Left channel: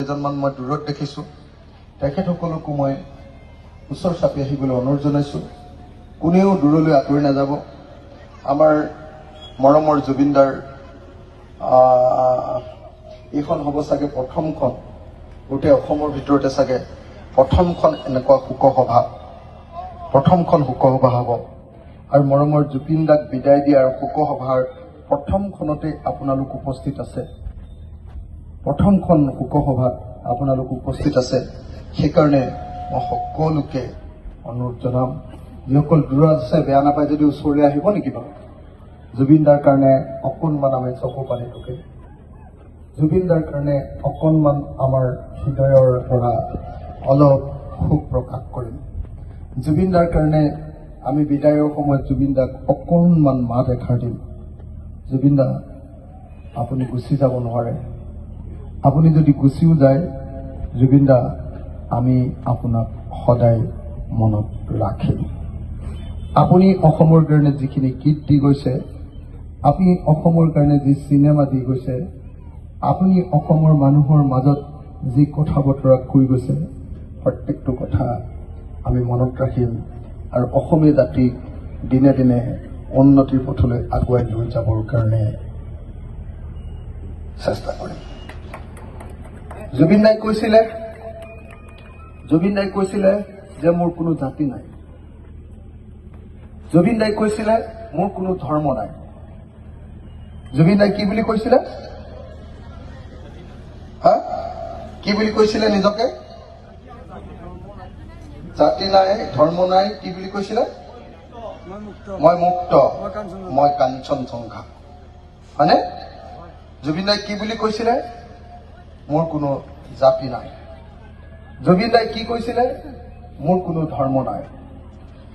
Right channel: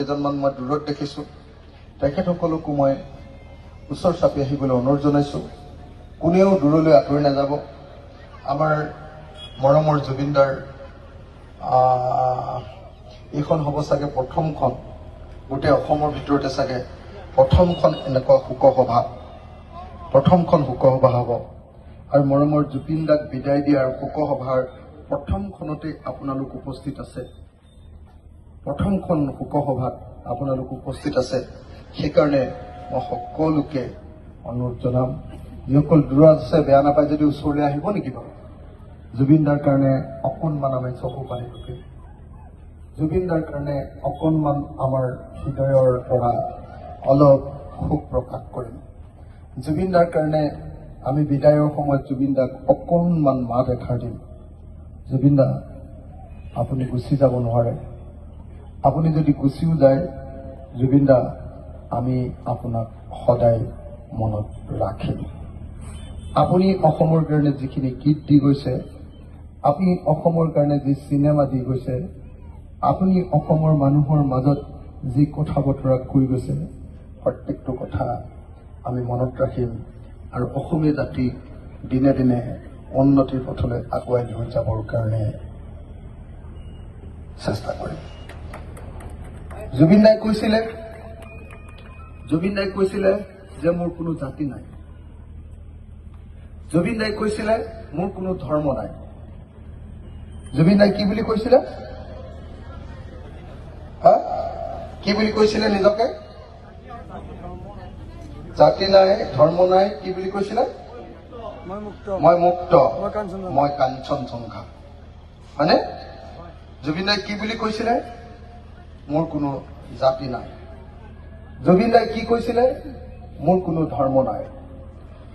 কেইজনমান মই দূৰত দেখিছোঁ তেখেতসকলকো মই ওচৰ চাপি আহিবলৈ অনুৰোধ জনাইছোঁ। কোনেও দূৰলৈ আঁতৰি নাযাব। আমাৰ মৰমৰ জুবিনদাৰ এইখন হ'ব চাগে প্ৰথমখন, গোটেই অসমৰ ভিতৰতে চাগে প্ৰথমখন এনেকুৱা শোকসভা, প্ৰথমখন শোকসভা হ'ব। আৰু মৰমৰ জুবিনদাক বিদায় দিয়াৰ শোকসভাৰ প্ৰথমখনতে আপোনালোক উপস্থিত আছে। প্ৰথমখন শোকসভাত আপোনালোক উপস্থিত আছে। সেইকাৰণে মই সকলোকে অনুৰোধ জনাম, যিসকল দূৰত আছে বেয়া নাপায় যদি ওচৰলৈ আহিব নেকি বাৰু। জুবিনদাৰ কাৰণে অকণমান আমি চকু পানী টুকে, জুবিনদাৰ কাৰণে অকণমান আমাৰ হৃদয়ৰ পৰা অলপ শোক প্ৰকাশ কৰিম। জুবিনদাৰ কাৰণে আমি বিদায়ৰ সময়ত জুবিনদাক অকণমান মাত এষাৰ দিম। জুবিনদা, আপুনি গুচি যাব নোৱাৰে। আপুনি যদি গুচিও যায় জুবিনদা, আমি আপোনাক সদায় মনত ৰাখিম। আপুনি অসমৰ কাৰণে যিখিনি গীত দি গৈছে, আপুনি অসমৰ কাৰণে যি চিনেমা দি গৈছে, আপুনি অসমৰ মানুহৰ মাজত যি কথা বতৰা কৈ গৈছে, প্ৰত্যেকটো কথা আমি মনত ৰাখিম আৰু অসমীয়া জাতিক দিনে দিনে উন্নতিৰ পথলৈ আগুৱাই লৈ যাবৰ কাৰণে চেষ্টা কৰিম। জুবিনদাই কৈছিলে যে মোৰ কোনো জাতি নাই। জুবিনদাই কৈছিলে মোৰ কোনো ধৰ্ম নাই। জুবিনদাই কি বুলি কৈছিলে? কি বুলি কৈছিলে নিজকে? জাতি নাই, ধৰ্ম নাই, কি বুলি কৈছিলে? মই মুক্ত, মই কাঞ্চনজংঘা। হয়নে? জুবিনদাই কি বুলি কৈছিলে? মোৰ কোনো জাতি নাই। জুবিনদাই কি কৈছিলে? মোৰ কোনো ধৰ্ম নাই।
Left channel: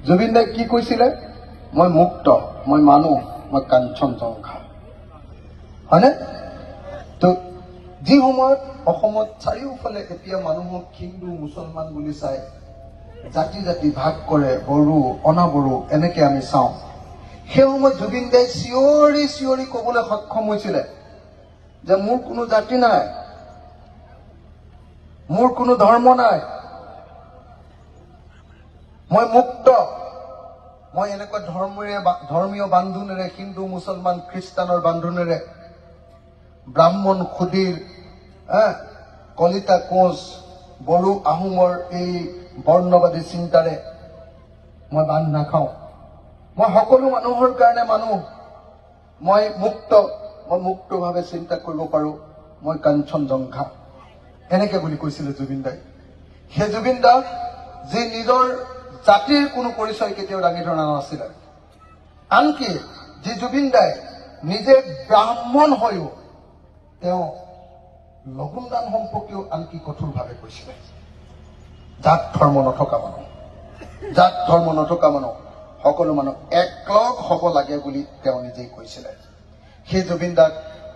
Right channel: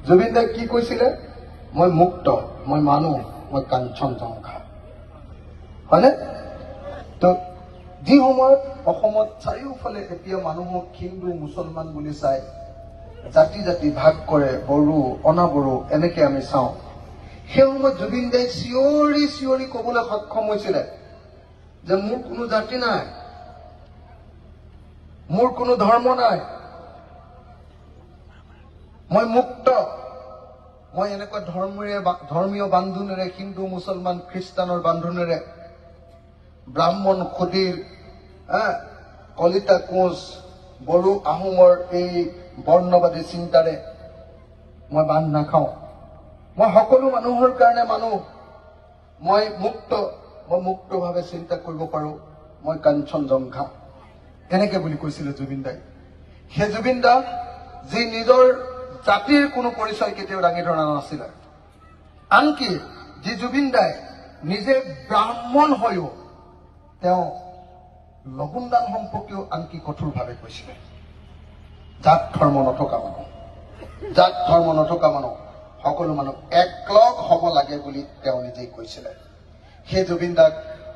জুবিনদাই কি কৈছিলে? মই মুক্ত, মই মানুহ, মই কাঞ্চনজংঘা। হয়নে? তো যি সময়ত অসমত চাৰিওফালে এতিয়া মানুহক হিন্দু মুছলমান বুলি চাই জাতি জাতি ভাগ কৰে, বড়ো অনাবড়ো এনেকে আমি চাওঁ, সেই সময়ত জুবিনদাই চিঞৰি চিঞৰি কবলৈ সক্ষম হৈছিলে যে মোৰ কোনো জাতি নাই, মোৰ কোনো ধৰ্ম নাই, মই মুক্ত। মই এনেকুৱা ধৰ্মীয় বান্ধোনেৰে, হিন্দু মুছলমান খ্ৰীষ্টানৰ বান্ধোনেৰে, ব্ৰাহ্মণ খুদিৰ, কলিতা কোঁচ, বড়ো আহোমৰ এই বৰ্ণবাদী চিন্তাৰে মই বান্ধ নাখাওঁ। মই সকলো মানুহৰ কাৰণে মানুহ, মই মুক্ত, মই মুক্তভাৱে চিন্তা কৰিব পাৰোঁ, মই কাঞ্চনজংঘা। এনেকে বুলি কৈছিলে জুবিনদাই। সেই জুবিনদা যি নিজৰ জাতিৰ কোনো পৰিচয় কেতিয়াও দাঙি ধৰা নাছিলে, আনকি যি জুবিনদাই নিজে ব্ৰাহ্মণ হৈও তেওঁ লগুণদান সম্পৰ্কেও আনকি কঠোৰভাৱে কৈছিলে। জাত ধৰ্ম নথকা মানুহ, জাত ধৰ্ম নথকা মানুহ, সকলো মানুহ একলগ হ'ব লাগে বুলি তেওঁ নিজেই কৈছিলে। সেই জুবিনদাক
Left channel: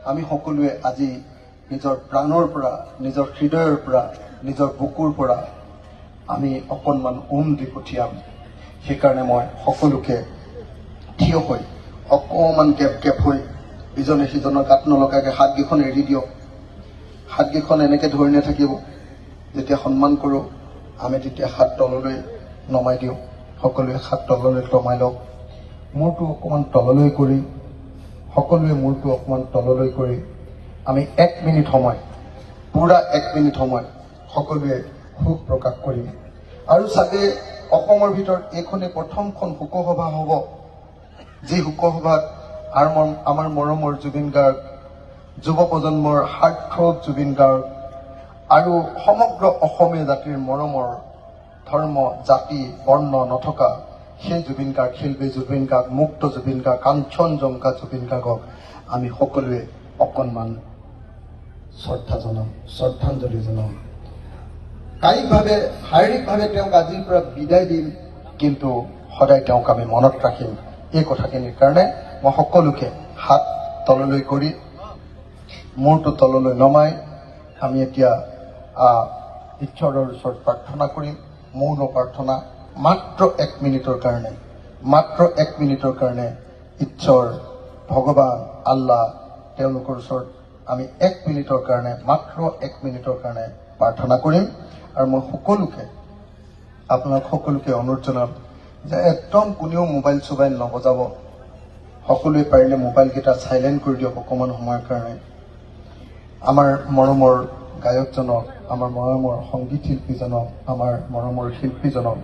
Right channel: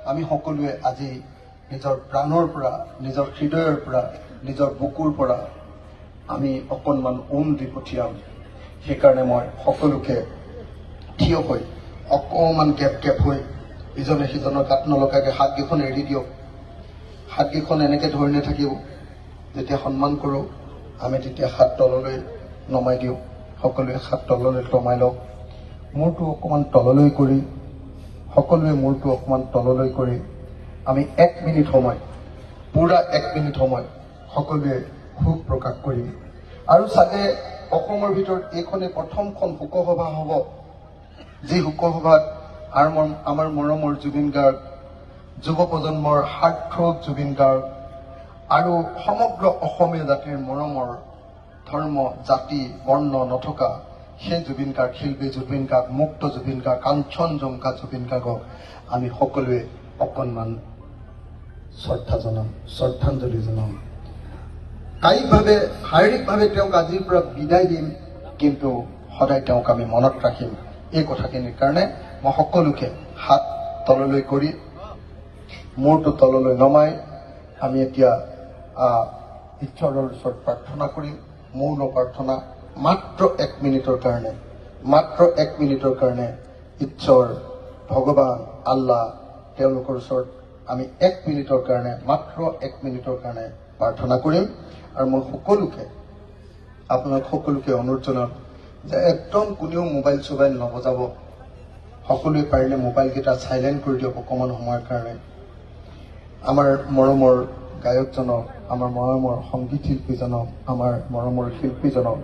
আমি সকলোৱে আজি নিজৰ প্ৰাণৰ পৰা, নিজৰ হৃদয়ৰ পৰা, নিজৰ বুকুৰ পৰা আমি অকণমান দি পঠিয়াম। সেইকাৰণে মই সকলোকে থিয় হৈ অকণমান গেপ হৈ ইজনে সিজনৰ গাত নলগাকে হাতকেইখন এৰি দিয়ক। হাতকেইখন এনেকে ধৰি নাথাকিব। যেতিয়া সন্মান কৰোঁ আমি তেতিয়া হাত তললৈ নমাই দিওঁ। সকলোৱে হাত তললৈ নমাই লওক। মূৰটো অকণমান তললৈ কৰি, সকলোৱে মূৰটো অকণমান তললৈ কৰি আমি 1 মিনিট সময়, পুৰা 1 মিনিট সময় সকলোৱে শোক প্ৰকাশ কৰিম। আৰু চাগে অসমৰ ভিতৰত এইখনে প্ৰথমখন শোকসভা হ'ব, যি শোকসভাত আমাৰ মৰমৰ জুবিন গাৰ্গ, যুৱ প্ৰজন্মৰ সাৰ্থক জুবিন গাৰ্গ আৰু সমগ্ৰ অসমীয়া জাতিৰ মৰমৰ ধৰ্ম জাতি বৰ্ণ নথকা সেই জুবিন গাৰ্গ, শিল্পী জুবিন গাৰ্গ, মুক্ত জুবিন গাৰ্গ, কাঞ্চনজংঘা জুবিন গাৰ্গক আমি সকলোৱে অকণমান শ্ৰদ্ধা জনাম, শ্ৰদ্ধাঞ্জলি জনাম। কায়িকভাৱে শাৰীৰিকভাৱে তেওঁক আজিৰ পৰা বিদায় দিম, কিন্তু সদায় তেওঁক আমি মনত ৰাখিম। এই কথাখিনিৰ কাৰণে মই সকলোকে হাত তললৈ কৰি মূৰটো তললৈ নমাই আমি এতিয়া ঈশ্বৰৰ ওচৰত প্ৰাৰ্থনা কৰিম। মৌন প্ৰাৰ্থনা মাত্ৰ 1 মিনিটৰ কাৰণে, মাত্ৰ 1 মিনিটৰ কাৰণে ঈশ্বৰ ভগৱান আল্লাহ তেওঁলোকৰ ওচৰত আমি 1 মিনিটৰ কাৰণে মাত্ৰ 1 মিনিটৰ কাৰণে প্ৰাৰ্থনা কৰিম আৰু মই সকলোকে আপোনালোক সকলোকে অনুৰোধ জনাম যে একদম কোনেও মোবাইল চোবাইল নবজাব সকলোৱে পাৰিলে মোবাইলকেইটা সাইলেন্ট কৰি দিয়ক অকণমান সময়ৰ কাৰণে আমাৰ মৰমৰ গায়কজনক আমাৰ মৰমৰ সংগীত শিল্পীজনক আমাৰ মৰমৰ শিল্পীজনক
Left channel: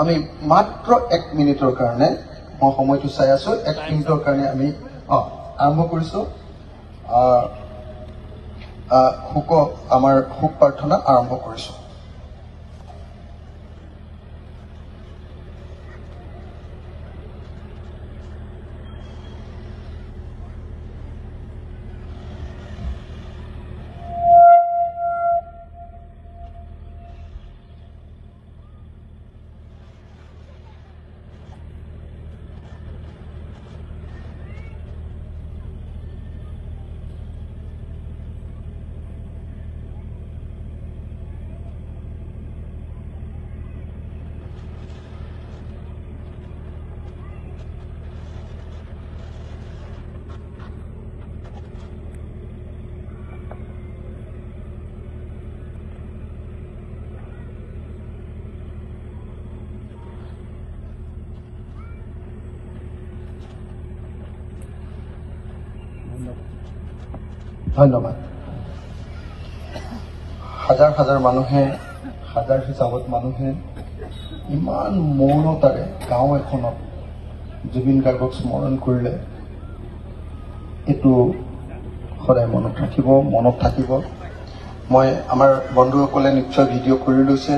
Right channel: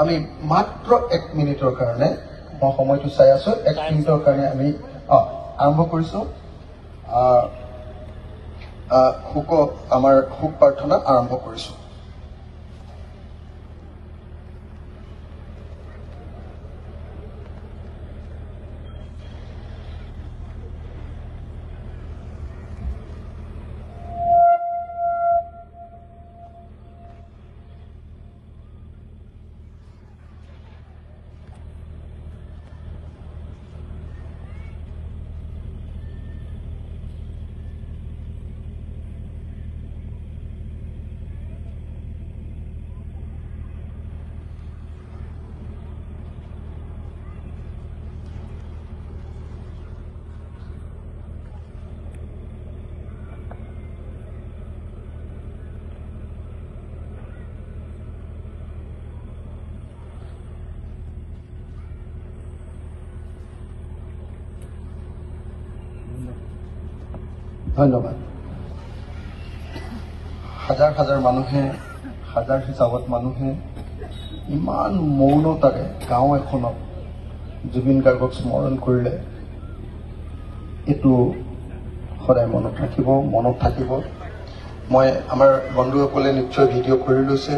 আমি মাত্ৰ 1 মিনিটৰ কাৰণে মই সময়টো চাই আছো 1 মিনিটৰ কাৰণে আমি আৰম্ভ কৰিছো আমাৰ শোক প্ৰাৰ্থনা আৰম্ভ কৰিছো ধন্যবাদ হাজাৰ হাজাৰ মানুহে হাজাৰ হিচাপত মানুহে ইমান মৌনতাৰে গাঁও এখনত জুবিন গাৰ্গক স্মৰণ কৰিলে এইটো সদায় মনত ৰাখিব মনত থাকিব মই আমাৰ বন্ধুসকলে নিশ্চয় ভিডিঅ' কৰি লৈছে